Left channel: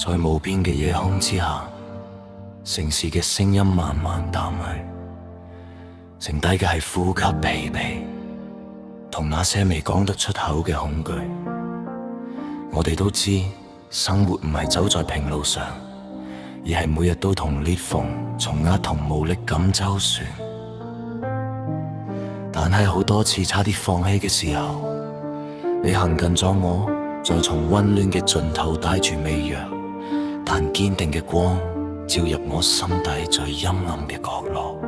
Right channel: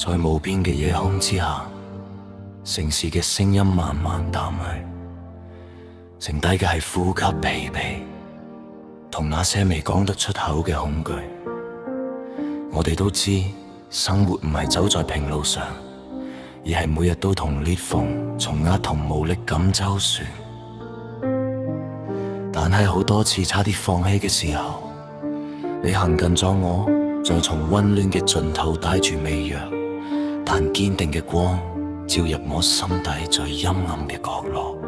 在無邊嘅夜空之下，城市嘅聲音慢慢淡去，剩低嘅係呼吸疲憊，同那些未講得出口嘅恐懼。我哋都知，生活唔係走在平路上，而係每日都同裂縫、蟲壓同無力感周旋。但係好多次差啲放棄嘅時候，你行近咗我，再從溫暖嘅盡頭帶住微弱但堅定嘅光，照入我心底最陰暗嘅角落。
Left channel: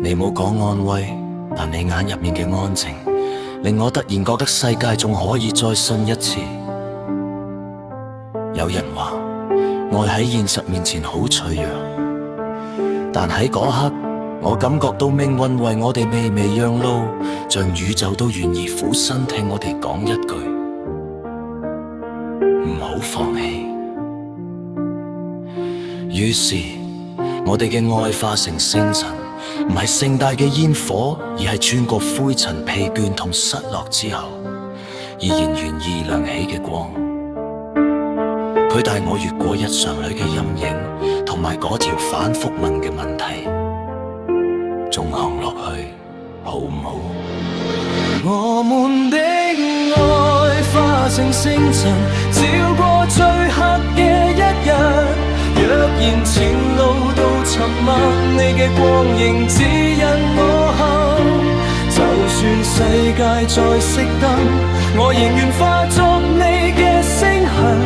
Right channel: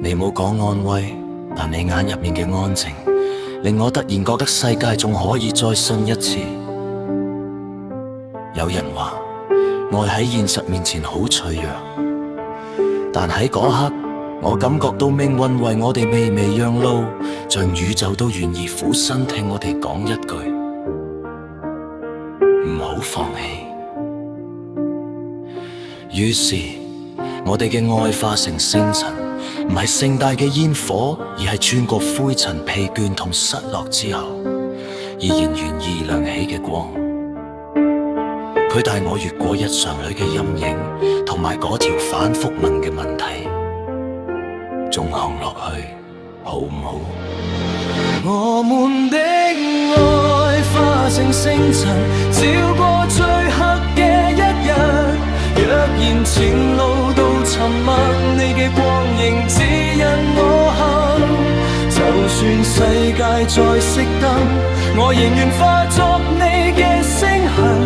你冇講安慰，但你眼入面嘅安靜，令我突然覺得世界仲可以再信一次。有人話，愛喺現實面前好脆弱，但喺嗰刻，我感覺到命運為我哋微微讓路，像宇宙都願意俯身聽我哋講一句：唔好放棄。於是，我哋嘅愛化成星塵，唔係盛大嘅煙火，而係穿過灰塵、疲倦同失落之後，依然願意亮起嘅光。佢帶我越過日常裏嘅陰影，同埋嗰條反覆問嘅問題，仲行落去好唔好？我們的愛化成星塵，照過最黑嘅一日。若然前路都沉默，你嘅光影指引我行。就算世界再熄燈，我仍願化作你嘅星痕，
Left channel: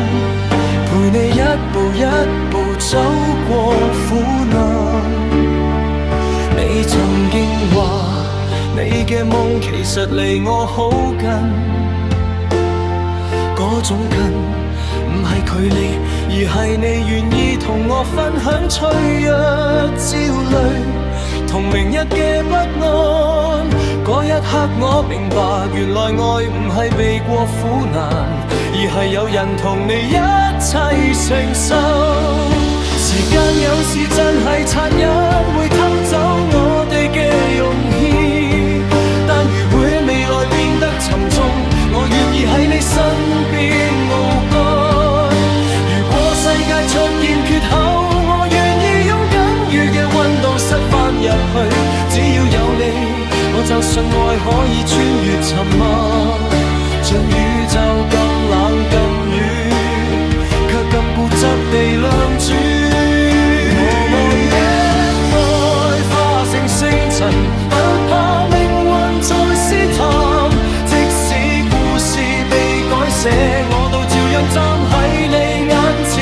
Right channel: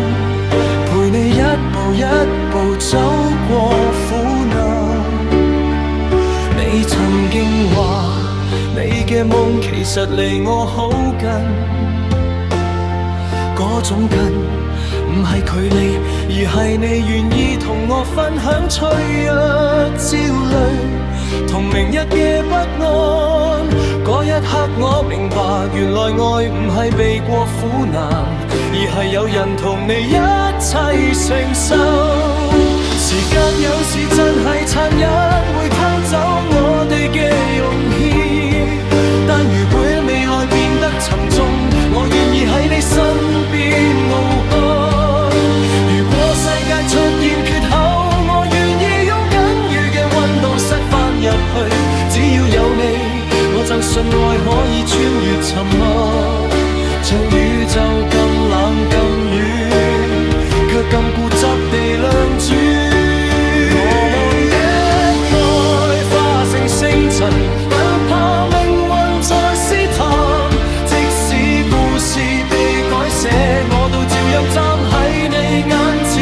陪你一步一步走過苦難。你曾經話，你嘅夢其實離我好近，嗰種近唔係距離，而係你願意同我分享脆弱、焦慮同明日嘅不安。嗰一刻我明白，原來愛唔係避過苦難，而係有人同你一齊承受。時間有時真係殘忍，會偷走我哋嘅容易。但如果未來變得沉重，我願意喺你身邊傲幹。如果世界出現缺口，我願意用僅餘嘅溫度塞返入去。只要有你，我就信愛可以穿越沉默，像宇宙咁冷咁遠，卻咁固執地亮住。我們的愛化成星塵，不怕命運再試探。即使故事被改寫，我都照樣站喺你眼前。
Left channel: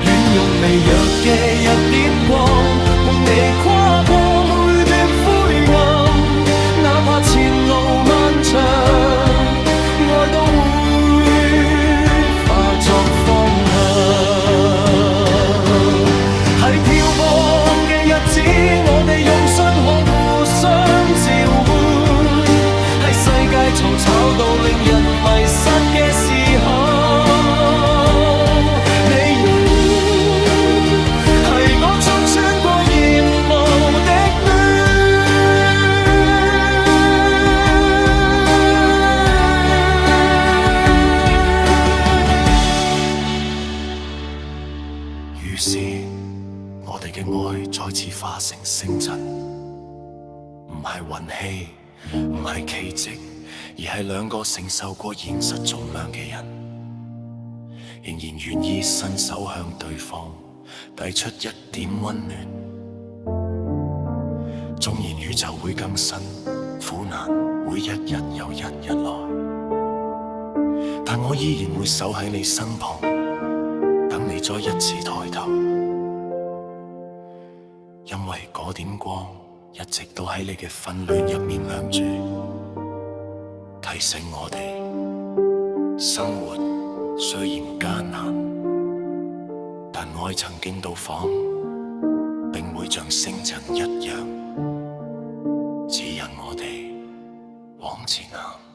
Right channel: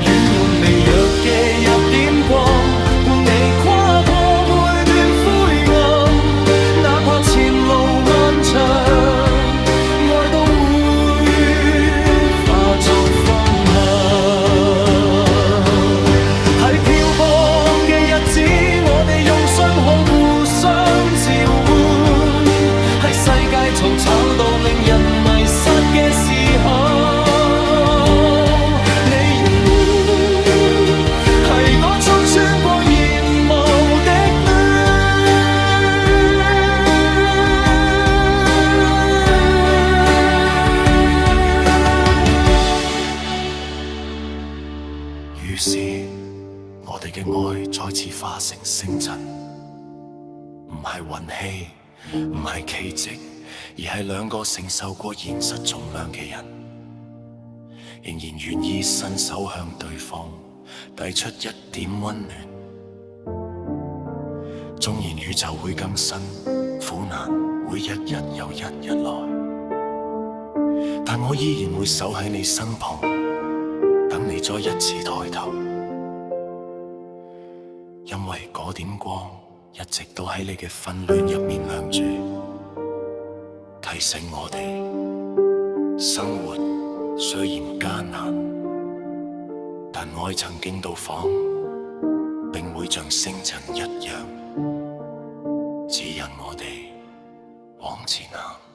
願用微弱嘅一點光，伴你跨過每段灰暗。哪怕前路漫長，愛都會化作方向。喺漂泊嘅日子，我哋用信號互相召喚。喺世界嘈吵到令人迷失嘅時候，你應係嗰束穿過煙霧的暖。於是，我哋嘅愛再次化成星塵，唔係運氣，唔係奇蹟，而係兩個承受過現實重量嘅人，仍然願意伸手向對方遞出一點溫暖。縱然宇宙會更新，苦難會一日又一日來，但我依然會守喺你身旁，等你再一次抬頭，因為嗰點光一直都喺你嘅紛亂入面亮住，提醒我哋生活雖然艱難，但愛曾經到訪，並會像星塵一樣指引我哋往前行。